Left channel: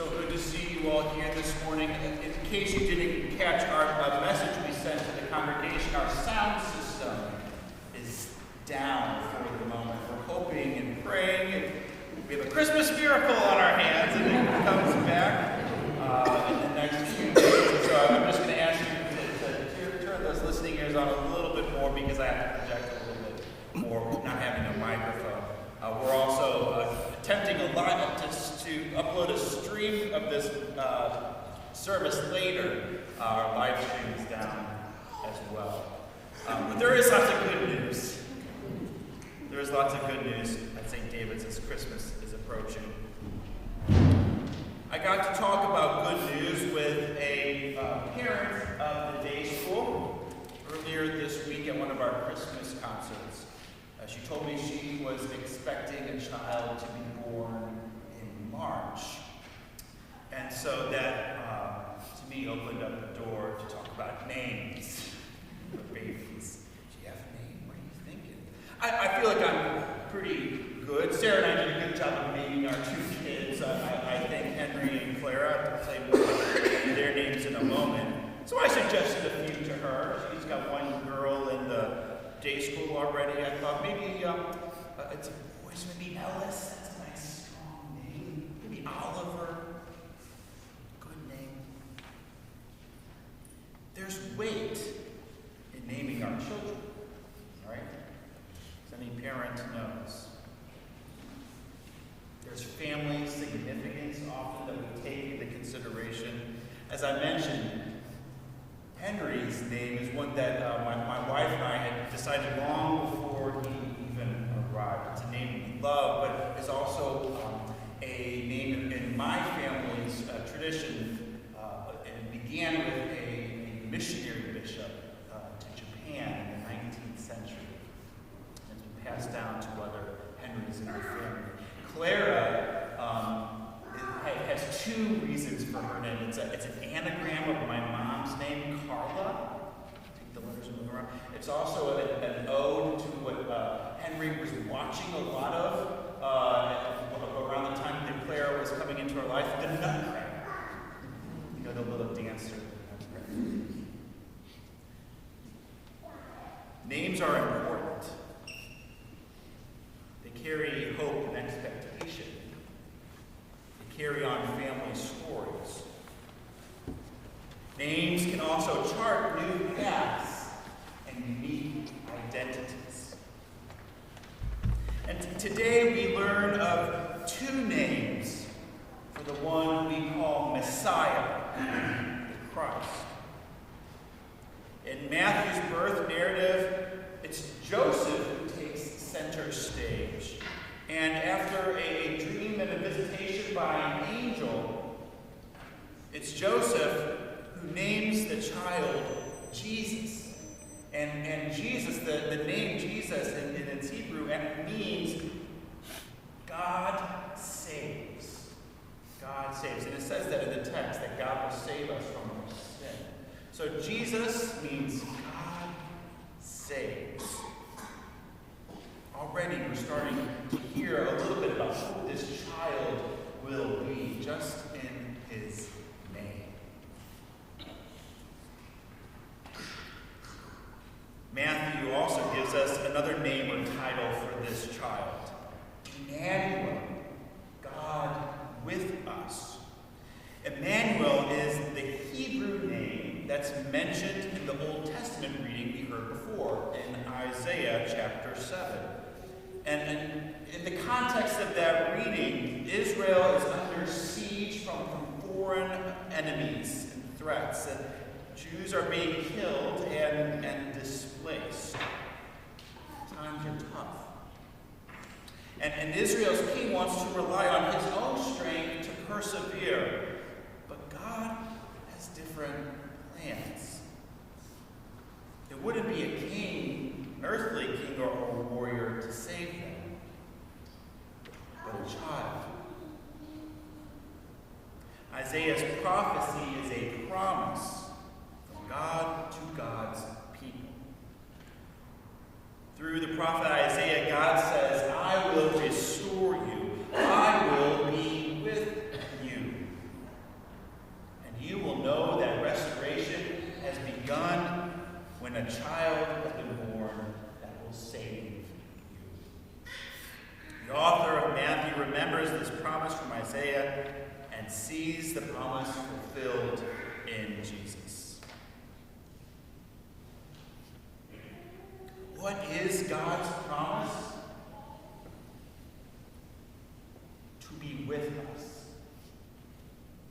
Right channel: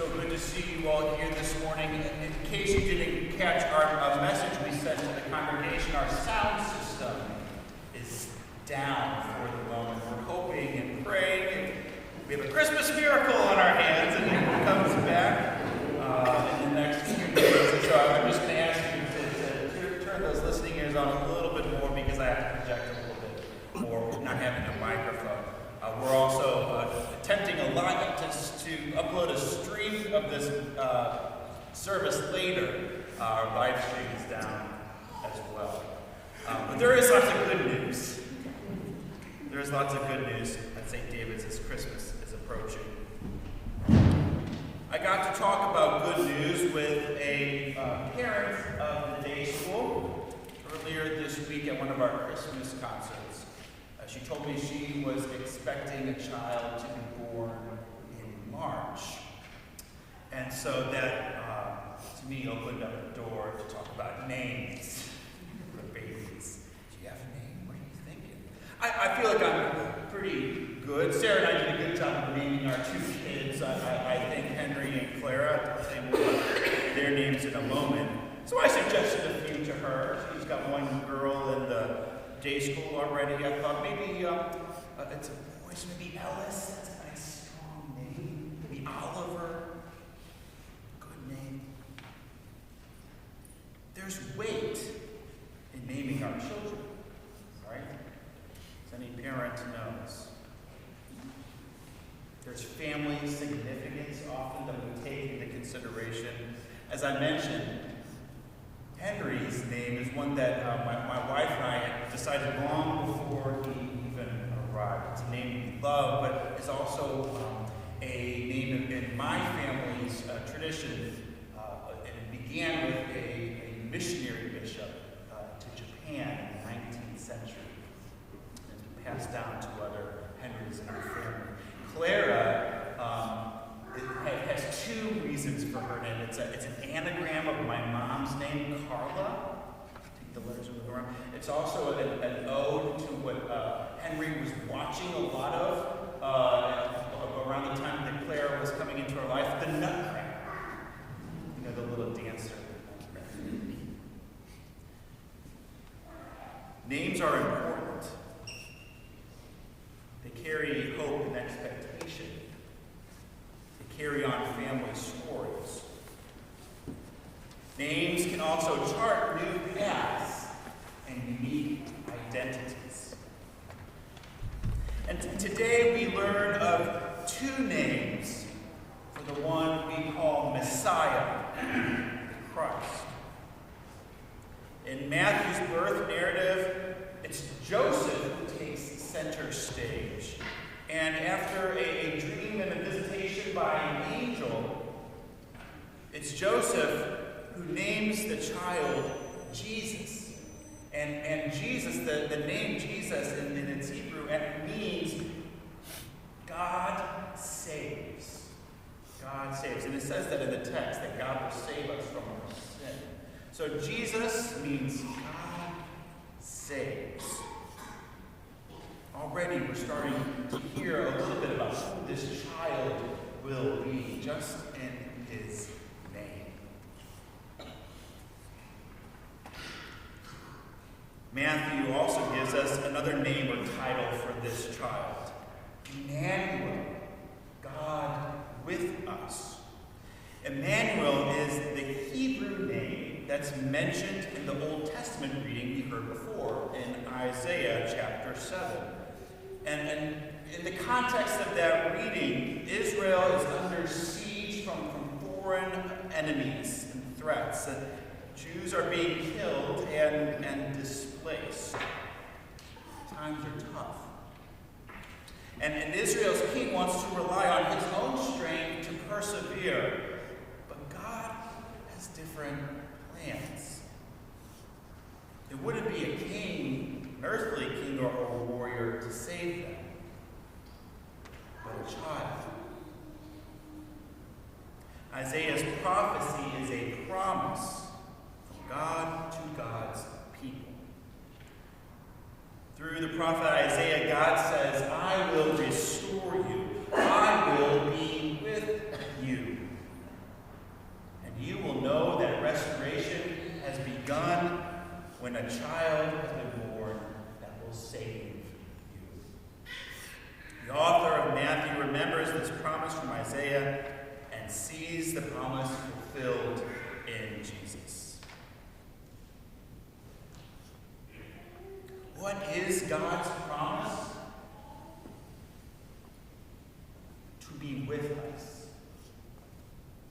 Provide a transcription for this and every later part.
So good to see you all here this morning. In case you didn't catch our message we sent to the congregation, our sound system is down for the moment. We're hoping and praying, and we have a Christmas miracle on our hands, and it comes back in the next few days. So I'm just going to ask you to turn those listening ears on a little bit more because I have to project a little bit more, not having a microphone. We're also attempting a lot to upload a stream of this service later. Our live stream is down as well. But there is lots of good news. There is lots of good news at St. David's as Christmas is approaching. I got to talk about good news with a parent of the day school earlier this week at one of our Christmas concerts. She told me she was expecting a child to be born in March. And so that, to me, opened up the door to talk about names for babies. Do you have a name? What are you thinking? I feel like I'm pretty good. Sarah and I did a good job of naming our two kids. I think Henry and Clara. I'll tell you more about their names in a moment. So I suggested a few to her. She's got one girl in the day school already. I thought maybe it's a boy, so maybe Ellis. That's a nice strong name. Maybe Oliver. Good name. There's weight in naming our children, right? As any parent knows. There's family significance often that we take into consideration. As I mentioned, Henry's name is one that my wife and I had decided long before he even arrived. It's a name we love, but it's also a name in my family's tradition. It began with a missionary bishop to Japan in the 19th century. And it's been passed down to other Henrys in our family. Clara it has two reasons for her name. It's an anagram of my mom's name, Carla. Take the letters and move around. It's also an ode to what Henry was watching a lot of around the time that Clara was coming into her life, the Nutcracker. You know, the little dancer, the Nutcracker. Names are important. They carry hope and expectation. Carry on family stories. Names can also chart new paths and unique identities. And today we learn of two names for the one we call Messiah, the Christ. In Matthew's birth narrative, it's Joseph who takes center stage. And after a dream and a visitation by an angel, it's Joseph who names the child Jesus. And Jesus, the name Jesus in its Hebrew, means God saves. God saves. And it says that in the text, that God will save us from our sin. So Jesus means God saves. Already we're starting to hear a little bit about who this child will be, just in his name. Matthew also gives us another name or title for this child. Emmanuel, God with us. Emmanuel is the Hebrew name that's mentioned in the Old Testament reading we heard before in Isaiah chapter 7. And in the context of that reading, Israel is under siege from foreign enemies and threats. And Jews are being killed and displaced. Times are tough. And Israel's king wants to rely on his own strength to persevere. But God has different plans. It wouldn't be a king, an earthly king or warrior to save them, but a child. Isaiah's prophecy is a promise from God to God's people. Through the prophet Isaiah, God says, I will restore you. I will be with you. child has been born that will save you. The author of Matthew remembers this promise from Isaiah and sees the promise fulfilled in Jesus. What is God's promise? To be with us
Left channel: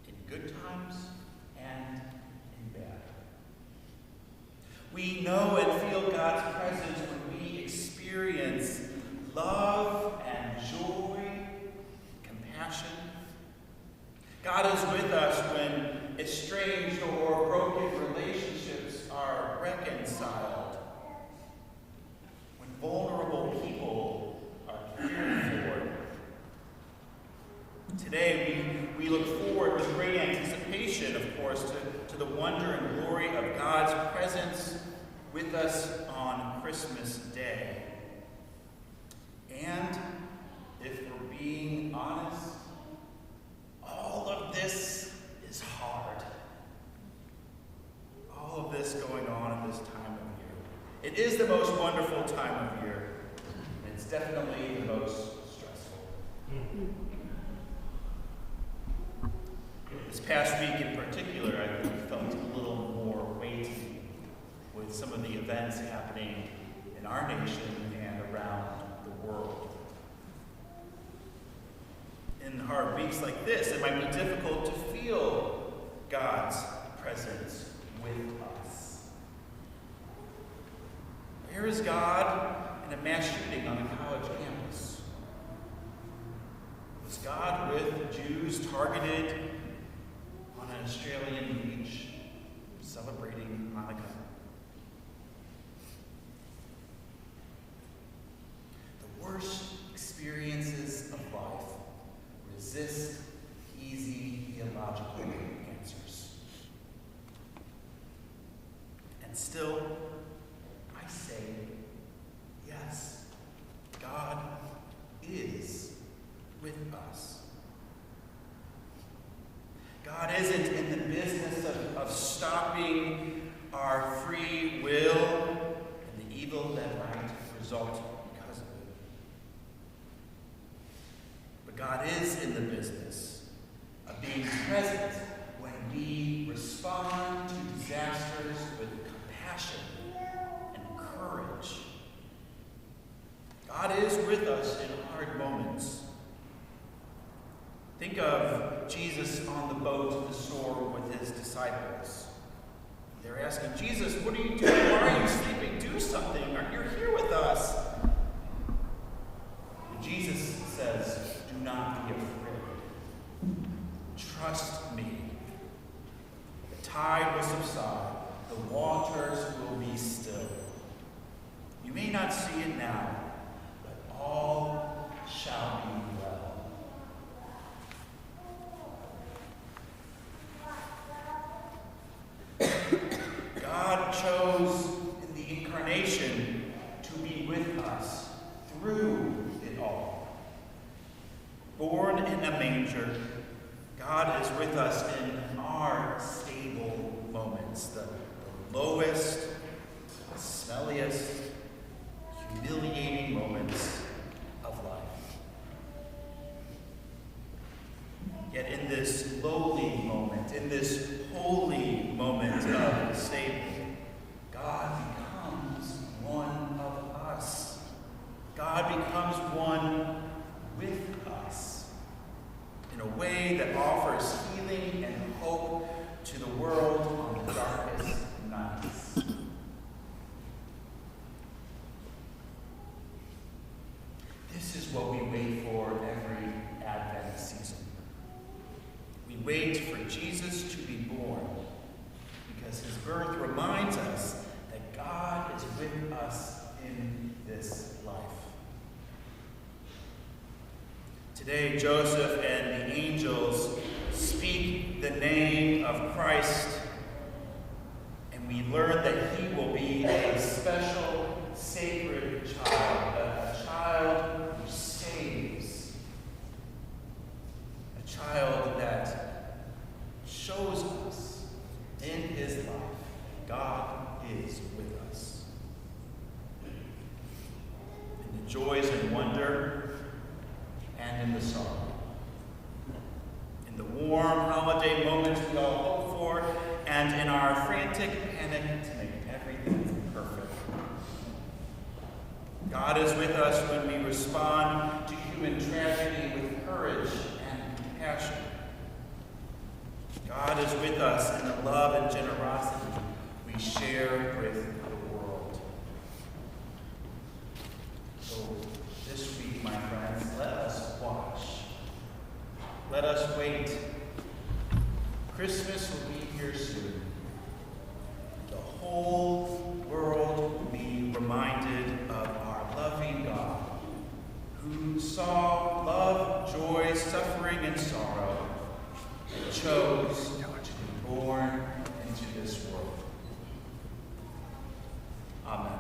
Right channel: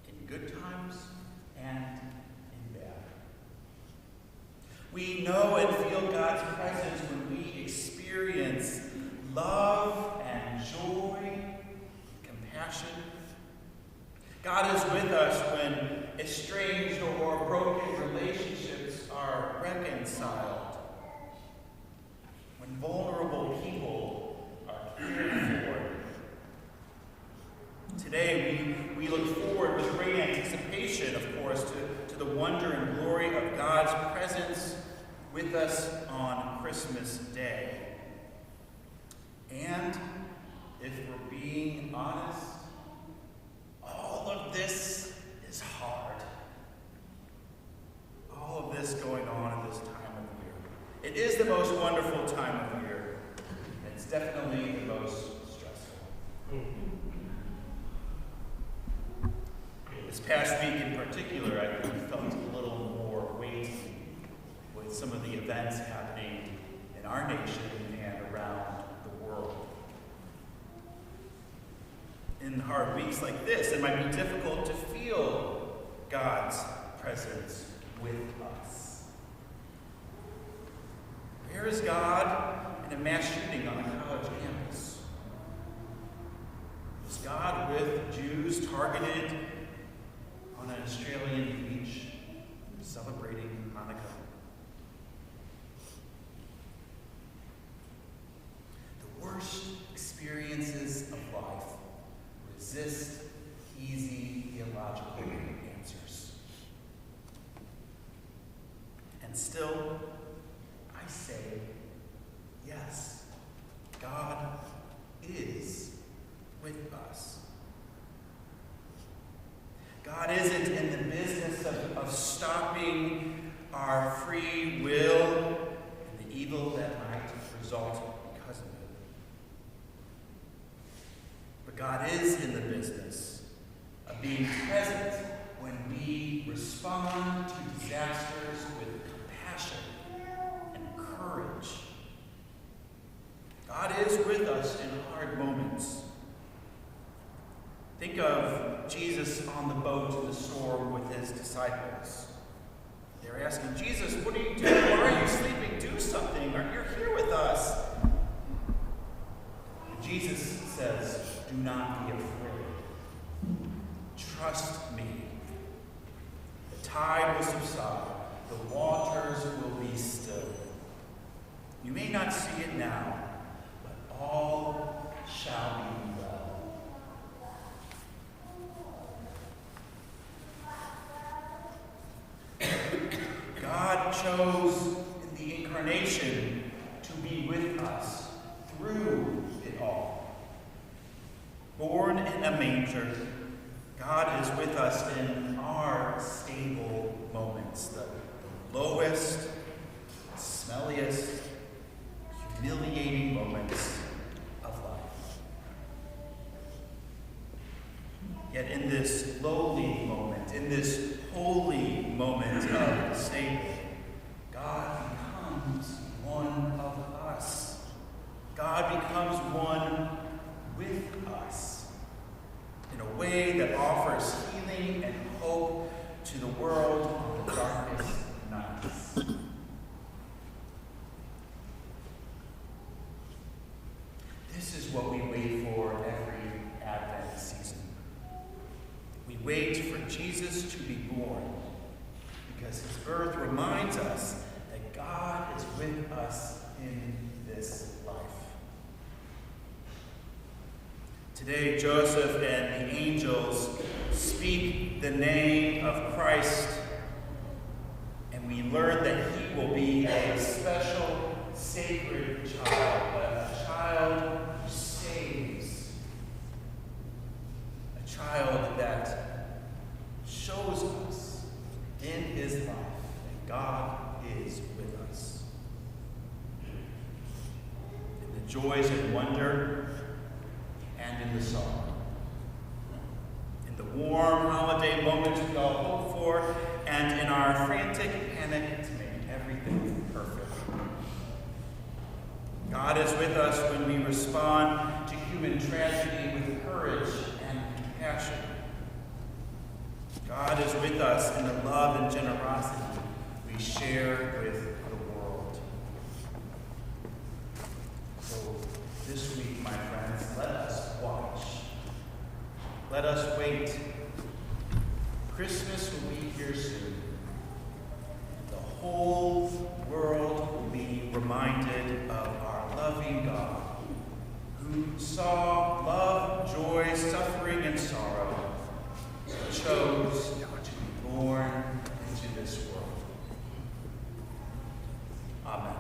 in good times and in bad. We know and feel God's presence when we experience love and joy, compassion. God is with us when estranged or broken relationships are reconciled, when vulnerable people are cared for. Today, we look forward with great anticipation, of course, to the wonder and glory of God's presence with us on Christmas Day. And if we're being honest, all of this is hard. All of this going on at this time of year. It is the most wonderful time of year, and it's definitely the most stressful. This past week in particular, I think felt a little more weighty with some of the events happening in our nation and around the world. In hard weeks like this, it might be difficult to feel God's presence with us. Where is God in a mass shooting on a college campus? Was God with Jews targeted on an Australian beach celebrating Hanukkah? The worst experiences of life resist easy theological answers. And still, I say, yes, God is with us. God isn't in the business of stopping our free will and the evil that might result because of it. But God is in the business of being present when we respond to disasters with compassion and courage. God is with us in hard moments. Think of Jesus on the boat in the storm with his disciples. They're asking, Jesus, what are you doing? Why are you sleeping? Do something. You're here with us. And Jesus says, do not be afraid. Trust me. The tide will subside. The waters will be still. You may not see it now, but all shall be well. God chose in the incarnation to be with us through it all. Born in a manger, God is with us in our stable moments, the lowest, smelliest, humiliating moments of life. Yet in this lowly moment, in this holy moment of the stable, God becomes one of us. God becomes one with us in a way that offers healing and hope to the world on the darkest nights. This is what we wait for every Advent season. We wait for Jesus to be born because his birth reminds us that God is with us in this life. Today, Joseph and the angels speak the name of Christ, and we learn that he will be a special, sacred child, a child who saves, a child that shows us in his life that God is with us. joys and wonder, and in the sorrow. In the warm holiday moments we all hope for, and in our frantic panic to make everything perfect. God is with us when we respond to human tragedy with courage and compassion. God is with us in the love and generosity we share with the world. So this week, my friends, let us watch. Let us wait. Christmas will be here soon. The whole world will be reminded of our loving God, who saw love, joy, suffering, and sorrow, and chose to be born into this world. Amen.